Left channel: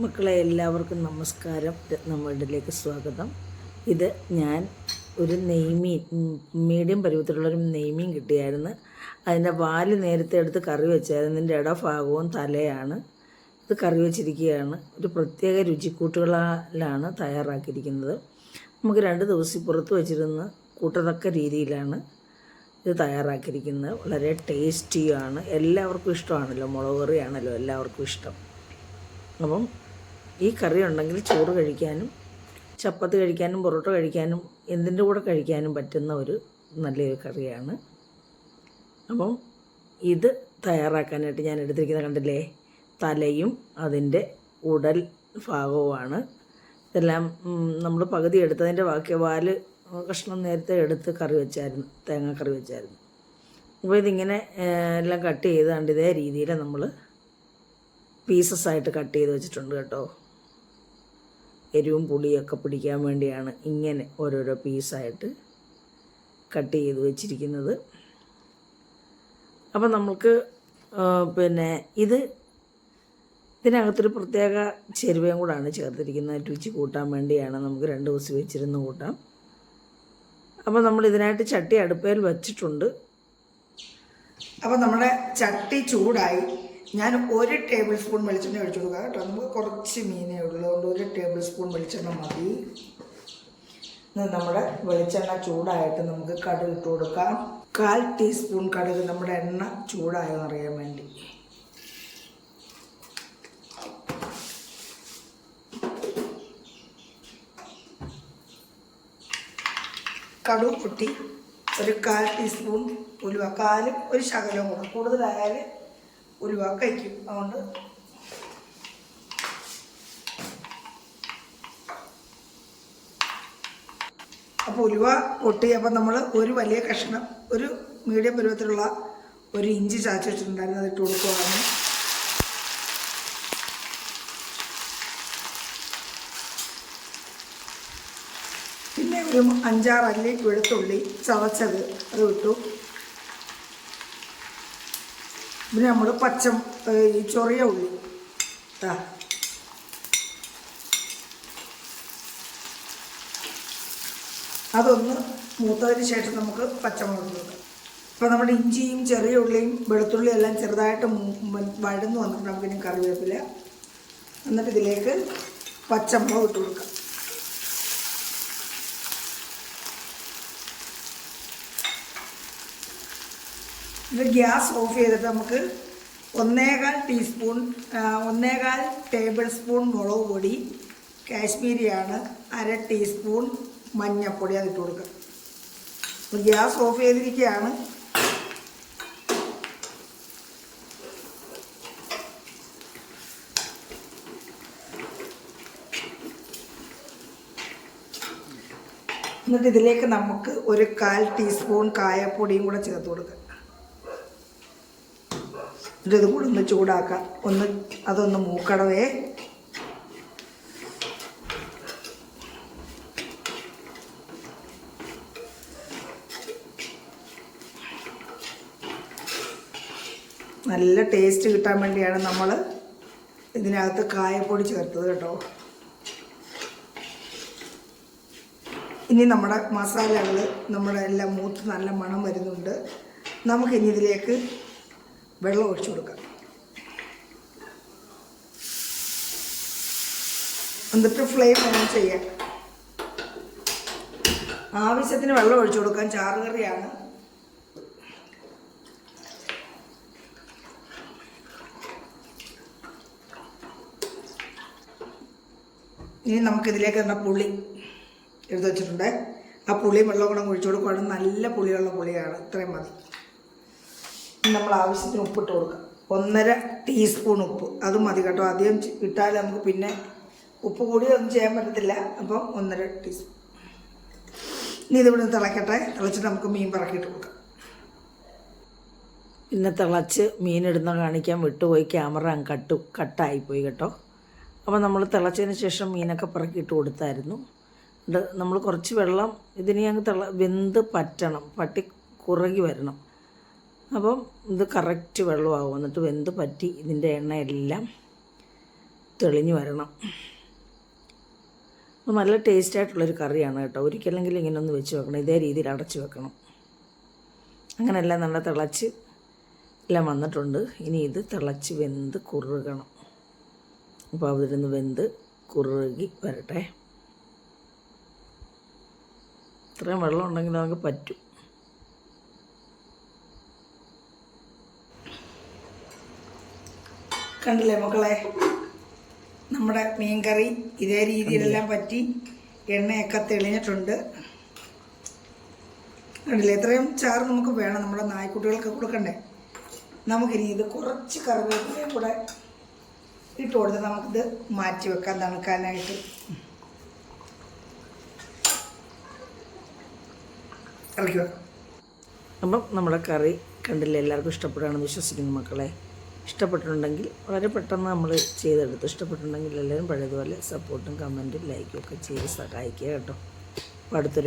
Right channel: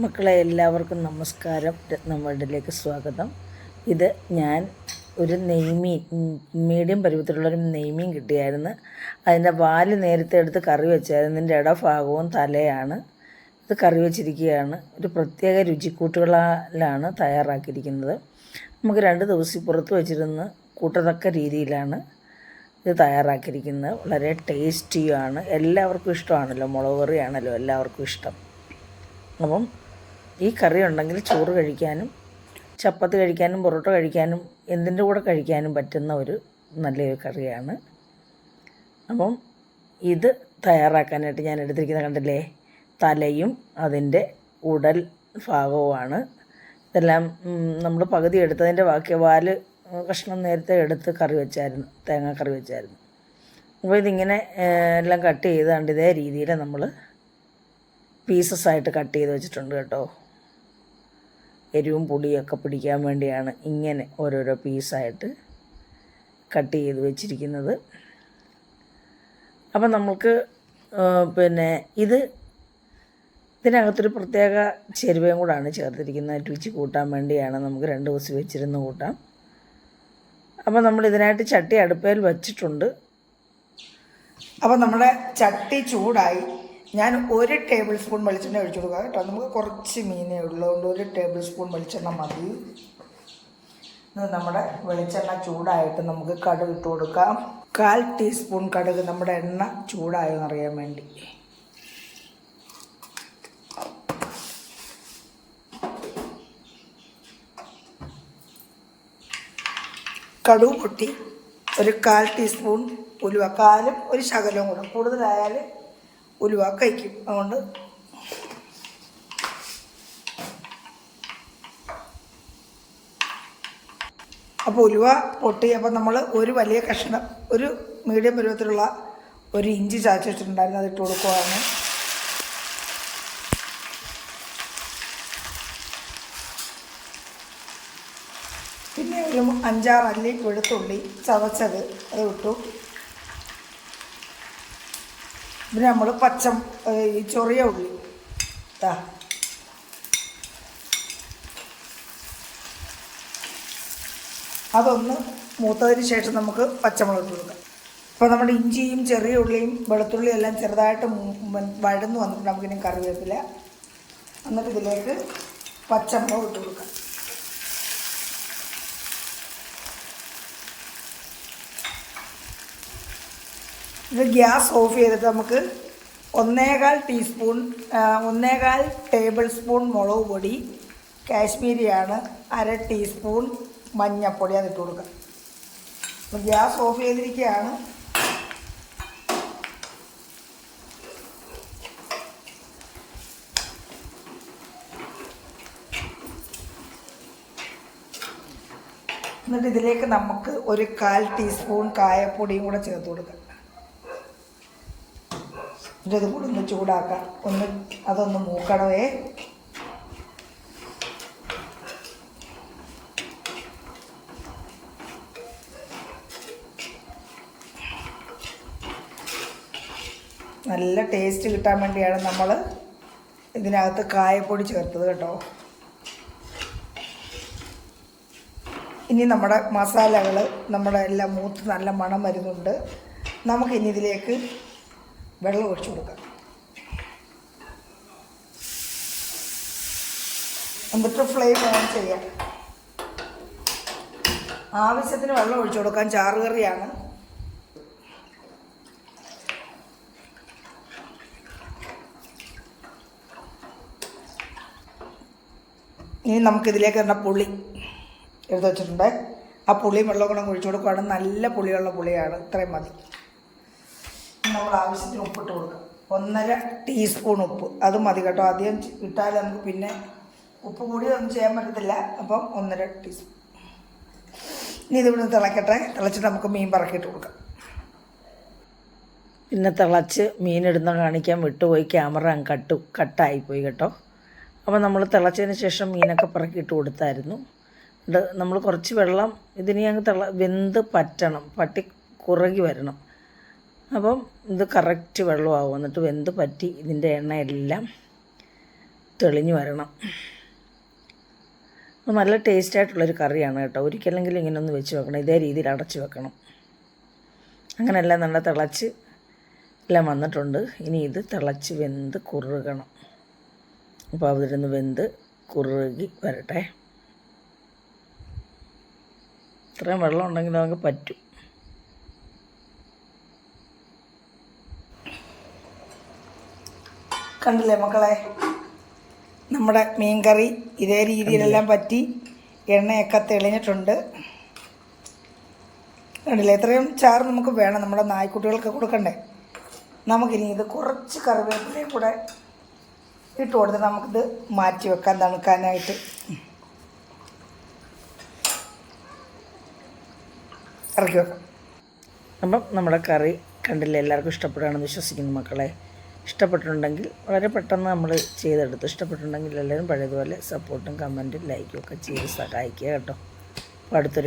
മക്കളെ എല്ലാവർക്കും നമസ്കാരം. രത്നവേൾഡിലേക്ക് സ്വാഗതം. ഇത് ഞാൻ ഒരു നെയ്മീൻ, മീഡിയം പരുവത്തിലുള്ളൊരു നെയ്മീൻ കിട്ടിയായിരുന്നു. അതിൻ്റെ വാല് നേരത്തെ എടുത്ത് കറി വെച്ചായിരുന്നു. ഇതിൻ്റെ ഇടഭാഗവും തലയാണ്. ഇത് കറി വെച്ചിരിക്കുകയാണ്. ഒരു പ്രത്യേക രുചിക്കൂട്ടുകളാലാണ് തയ്യാറാക്കിയിരിക്കുന്നത്. നമുക്ക് 2 ദിവസം പുറത്ത് വെച്ചിരുന്ന് കൂട്ടത്തക്ക രീതിയിലാണ് ഇത് തയ്യാറാക്കിയിരിക്കുന്നത്. വളരെ ടേസ്റ്റിയാണ്. എല്ലാവർക്കും ഇഷ്ടമാണല്ലോ, മുളക് കറിയാണല്ലോ എല്ലാവർക്കും ഇഷ്ടം. അപ്പം ഈ കറി ഉണ്ടെങ്കിൽ ചോറ് കഴിക്കാനും ചപ്പാത്തി കഴിക്കാനും പൊറോട്ട കഴിക്കാനും എന്തിൻ്റെ കൂടെ കഴിക്കാനും പറ്റുന്ന ഒരു നല്ലൊരു കറിയാണ്. അപ്പം ഇത് തയ്യാറാക്കാനായിട്ട് ഞാൻ എടുത്തിരിക്കുന്നത് കണ്ടില്ലേ, തലയും അതിൻ്റെ ഉടൽ ഭാഗവുമാണ്. ഇതെല്ലാം നമ്മൾ പകുതി എടുത്തതിൻ്റെ ബാക്കി വാല് കഷ്ണം നേരത്തെ എടുത്ത് കറി വെച്ചായിരുന്നു, തേങ്ങ കറി വെച്ചായിരുന്നു. അപ്പോൾ ഇതിങ്ങനെ എല്ലാം കട്ട് ചെയ്താണ്ട് ഇതേ രീതിയിൽ നമ്മൾ പീസസ്സായിട്ട് കട്ട് ചെയ്ത് വെച്ചിട്ടുണ്ട് കേട്ടോ. എരിവും പുളിയൊക്കെ പിടിക്കാൻ വേണ്ടിയാണ് ഇങ്ങനെ ഓരോരോ പീസായിട്ട് കട്ട് ചെയ്ത് വെച്ചിരിക്കുന്നത്. അപ്പം നമുക്ക് ഇതിനകത്തൊരു പ്രത്യേക ചേരുവയും കൂടാണ് ചേർത്തിരിക്കുന്നത്. രുചി കൂട്ടാൻ വേണ്ടിയാണ്. നമുക്ക് 2 ദിവസം വെച്ചിരുന്ന് കൂട്ടാം. അപ്പം നമ്മൾ ഇതിനായിട്ട് ചട്ടി അടുപ്പയിൽ വെച്ചിട്ടുണ്ട്. അപ്പം നമ്മുടെ ചട്ടി ചൂടായി. ഞാൻ 1 ടേബിൾ സ്പൂൺ വെളിച്ചെണ്ണ ഒഴിച്ചു കൊടുക്കാം കേട്ടോ. നമുക്ക് കുറച്ച് മീനേ ഉള്ളതുകൊണ്ട് 1 ടേബിൾ സ്പൂൺ വെളിച്ചെണ്ണ മതി. നമ്മുടെ വെളിച്ചെണ്ണ ചൂടായിട്ട് നമുക്ക് കടുക് ഇട്ട് കൊടുക്കാം. 1/4 ടീസ്പൂൺ കടുക്, നമ്മുടെ എണ്ണ ചൂടായെന്ന് അറിയാൻ വേണ്ടി. കടുക് പൊട്ടി. ഒരു 1/4 ടീസ്പൂൺ ഉലുവ, കാലും ഒരു ശകലം കൂടെ, കൂടുതലായാൽ ഉലുവ കഴിക്കും. അതുകൊണ്ട് അപ്പോൾ ഉലുവ പൊട്ടി. അപ്പം നമ്മൾ ഒരു വലിയ കഷ്ണം, ഒരു മീഡിയം പരുവത്തിലുള്ള ഒരു ഇഞ്ചി ചാച്ചു വെച്ചിട്ടുണ്ടായിരുന്നു, അത് ഇട്ട് കൊടുക്കുകയാണ്. പിന്നെ ഒരു 5-6 അല്ലി വെളുത്തുള്ളി ചതച്ചത് അത് ഇട്ടു. പിന്നെ നമ്മൾ ഈ ചൊറിയ ഉള്ളി അതൊന്ന് മൂത്തതിന് ശേഷം നമുക്ക് പച്ചമുളക് കൊടുക്കാം. അപ്പോൾ നമ്മുടെ ഇഞ്ചിയും ചെറിയ ഉള്ളിയും വെളുത്തുള്ളിയും എല്ലാം ചെറുതായിട്ട് വഴന്ന് വന്നിട്ട് നമുക്കിനി കറിവേപ്പില, എന്നിട്ട് ഇതിലേക്ക് പച്ചമുളക് ഇട്ട് കൊടുക്കാം. ഇത് ഗ്യാസ് ഓഫ് ചെയ്തിട്ട് നമുക്ക് 1/4 ടേബിൾ സ്പൂൺ മുളക് പൊടി, കാശ്മീരിയാണ്, 1/2 ടീസ്പൂൺ മഞ്ഞൾപ്പൊടി അതിട്ട് കൊടുക്കാം. അപ്പോൾ ഗ്യാസ് ഓഫ് ചെയ്തിരിക്കുകയാണ്. എന്നിട്ട് ഇതിലേക്ക് നമുക്ക് ഒരു 1/4 ടീസ്പൂൺ കായപ്പൊടിയും കൂടെ ചേർത്ത് കൊടുക്കാം. ഇത് കൂടെ ഒന്ന് ചൂടാക്കാം. അതൊന്ന് മൂക്കണവേ. നല്ല ടേസ്റ്റ് കിട്ടാൻ വേണ്ടിയാണ് നമ്മൾ ഇതിനകത്ത് കായപ്പൊടി ചേർത്തത് കേട്ടോ. ഇനി നമ്മുടെ മസാലകൾ എല്ലാം മൂത്ത് നല്ല മണം വരുന്നുണ്ട്. നമുക്കിനി ഇതിലേക്ക് വെള്ളം ഒഴിച്ചു കൊടുക്കാം. എന്നിട്ട് ഫ്ലെയിം ഓൺ ചെയ്യാം. ആവശ്യത്തിന് വെള്ളം ഒഴിച്ചു കൊടുക്കാം. ചാറുകറിയാണ്. ഇനി നമുക്കിതിലേക്ക് തന്നെ പുളി എടുത്ത് വെച്ചിട്ടുണ്ട്. ആ പുളിയും വെള്ളം കൂടെ ഒഴിച്ചു കൊടുക്കുകയാണ്. നല്ല പുളിയുള്ള പുളിയാണ്. ഇത്രയും മതി. നമ്മൾ ആവശ്യത്തിന് ഉപ്പിട്ട് കൊടുക്കാം. 1/2 ടീസ്പൂൺ ഉപ്പ്, അത് മതി കേട്ടോ. അധികം ഇട്ടാൽ നമുക്ക് പിന്നെ ഉപ്പ് കൂടി ഒന്നും ചെയ്യാൻ പറ്റത്തില്ല. അപ്പം 1/2 ടീസ്പൂൺ. ഇനി ഇതിവിടെ തിളക്കട്ടെ. തിളച്ചിട്ട് നമുക്ക് മീൻ പറക്കിയിട്ട് കൊടുക്കാം. പിന്നെ തിളച്ച് മീനിടുന്ന കാണിക്കാൻ വിട്ടുപോയി, ക്യാമറ കട്ടായിപ്പോയി കേട്ടോ. അപ്പോൾ നമ്മൾ തിളച്ചതിന് ശേഷം മീനൊക്കെ പറക്കിയിട്ട് കൊടുത്തായിരുന്നു. നമ്മൾ കുറച്ച് വെള്ളം ഇതിനി അങ്ങ് വെന്ത് പറ്റണം, കുറുകി വരണം. അപ്പം ഇത് കറക്റ്റ് വെള്ളമാകും. എന്നിട്ട് വെന്ത് പറ്റി ഇതിൻ്റെ എണ്ണയെല്ലാം തെളിഞ്ഞു വരണം. അപ്പോൾ നല്ല ടേസ്റ്റായിട്ടുള്ളൊരു കറിയാണ് കേട്ടോ. ഒരിക്കലെങ്കിലും ഇങ്ങനെ ഒന്ന് വെച്ച് വെക്കണം. ഇതേ രീതിയിൽ അടച്ച് വെക്കണം. അങ്ങനെയല്ല നല്ല തിളച്ച് എല്ലാം വന്നിട്ടുണ്ട്. ഇനി ഇത് തിളച്ച് വെന്ത് കുറുകണം. അപ്പോൾ അതിരുന്ന് വെന്ത് കുറുകി വരട്ടെ. ഇത്രയും വെള്ളം ഉണ്ടെങ്കിൽ നമുക്ക് പറ്റും. കണ്ടില്ലേ മക്കളെ, നമ്മുടെ മീൻകറി ഇതേ രീതിയിലെല്ലാം പറ്റി എണ്ണയൊക്കെ തെളിഞ്ഞിട്ടുണ്ട്. കണ്ടില്ലേ, ഇത്രയും ചാറ് നമുക്ക് വേണം, നമ്മുടെ നായ്ക്കുട്ടികൾക്ക് കൊടുക്കണ്ടേ. നമുക്കിനി ഇത് കുറച്ച് കറിവേപ്പിലയും കൂടെ ഇട്ട് കൊടുത്ത് നമുക്കിത് മാറ്റി വെക്കാൻ തണുക്കാനായിട്ട്. ഇറക്കി വെക്കാം. അപ്പം നമ്മുടെ കറി കണ്ടില്ലേ, എല്ലാവർക്കും ഇഷ്ടപ്പെടുകയാണെന്ന് വിശ്വസിക്കുന്നു മക്കളെ. ഇഷ്ടപ്പെട്ടിട്ടുണ്ടെങ്കിൽ വളരെ പെട്ടെന്ന് നമ്മൾ ചെയ്തെടുത്തു. ഇഷ്ടപ്പെട്ടിട്ടുണ്ടെങ്കിൽ എല്ലാവരും പഴയതുപോലെ സപ്പോർട്ടും കമൻറ്റും ലൈക്കും ഒക്കെ ചെയ്ത് സഹായിക്കുക കേട്ടോ. അപ്പോൾ അടുത്തൊരു